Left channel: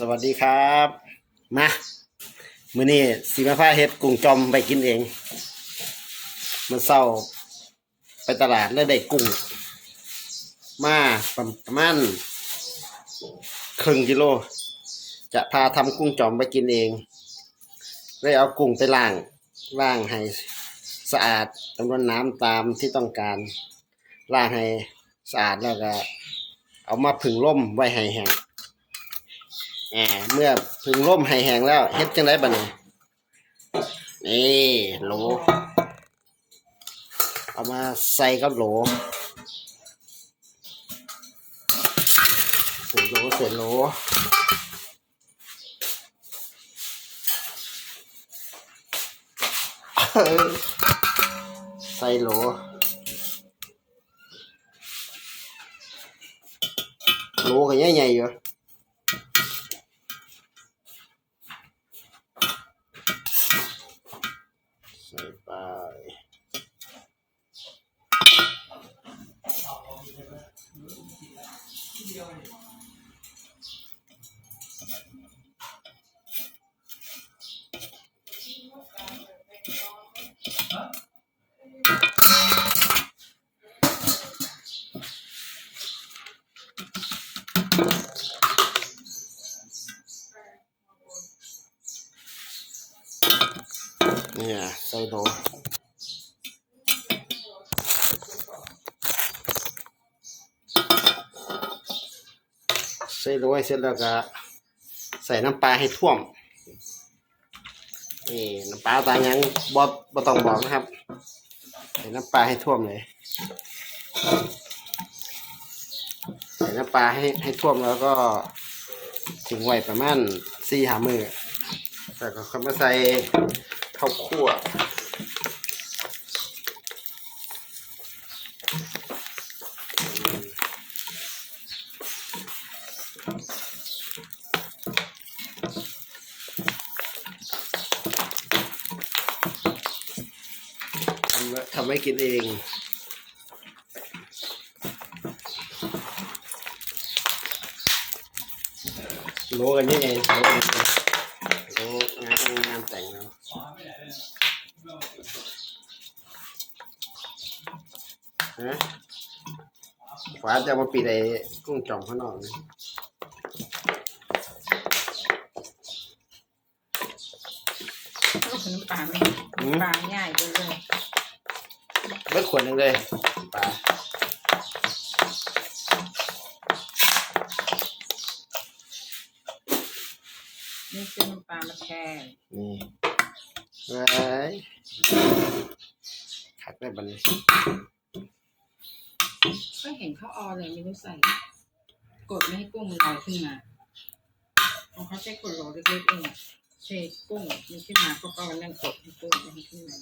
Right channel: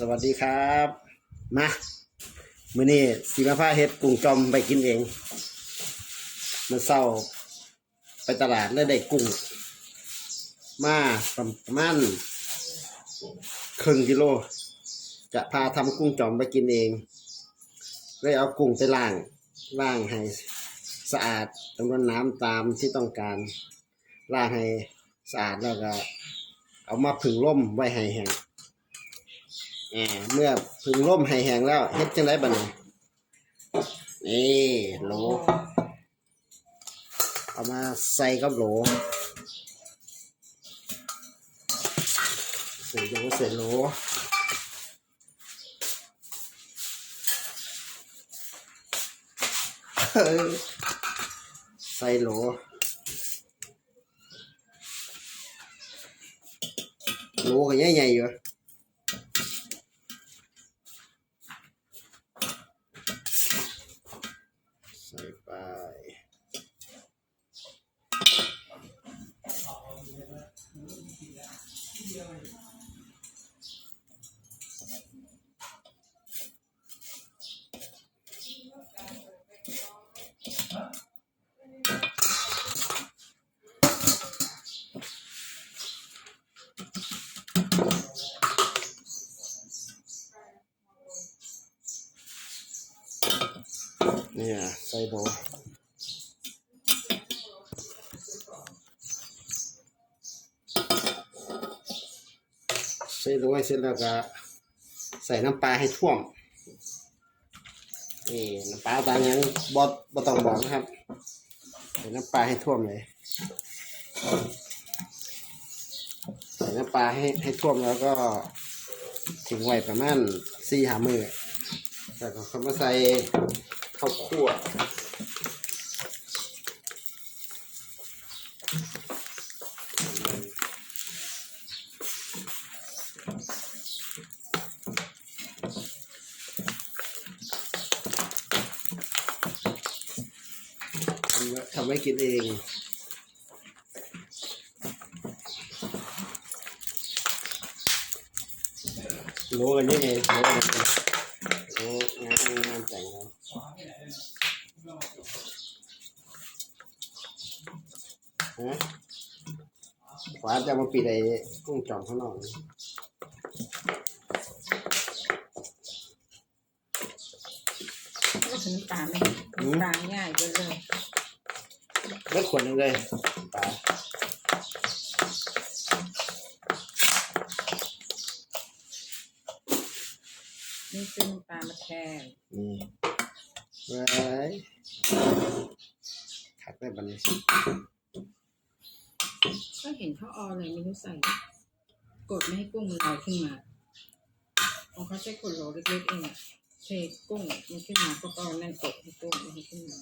สวัสดีครับ มามื้อนี้สีมาพาเฮ็ดกุ้งจอมไปกินเอง มันเศร้าไปตลาดแล้วได้กุ้ง มาประมาณครึ่งกิโล จะพาทำกุ้งจอมไปกินเองเลยเอากุ้งไปล้างล้างให้สะอาดจำนวนน้ำตามที่ต้องการล้างให้สะอาดแล้วก็ เอามาผึ่งร่มไว้ให้แห้ง อ่าเมื่อผึ่งร่มให้แห้งแล้วเฮ็ดจังไดบัดนี้นี่โหล เอามาใส่กับโหลใส่โหลใส่โหลใส่โหลโหลก็ใหญ่ๆอยู่ ส่ไปเนี่ยใส่โหลใส่โหลให้เสร็จแล้วก็ใส่น้ำปลาให้ท่วมนี่น้ำปลาตายังบอบอต้องบอกนะครับ ใส่น้ำปลาให้ท่วมเลย ใส่น้ำปลาให้ให้ท่วมแล้วก็ทิ้งไว้ประมาณสี่หามือแล้วก็ค่อยมาใส่ ข้าวคั่วทำไว้กินเองโลกันนี่เองโลกันงานงานแต่งเรา ฮะฟ้าจะเอามาปิดไอ้กุ้งจ่อมข้างนอกนี่ก็คือน้ำปลาไหมปลาง่ายเลยเลยเบิดขวดหนึงเลยปลานี่ซื้อน้ำปลามาแทนนี่ไว้ถักได้บัดนนี้ ก็เห็นเขาเออเลยไม่รู้ใส่ กดไม่ให้กุ้งมันลอยขึ้นมาของเขาใช้กดโหลเล็กๆเองเทกุ้งมันขึ้นมาก็ก็นั่นกดให้กุ้งไม่ให้ขึ้นมา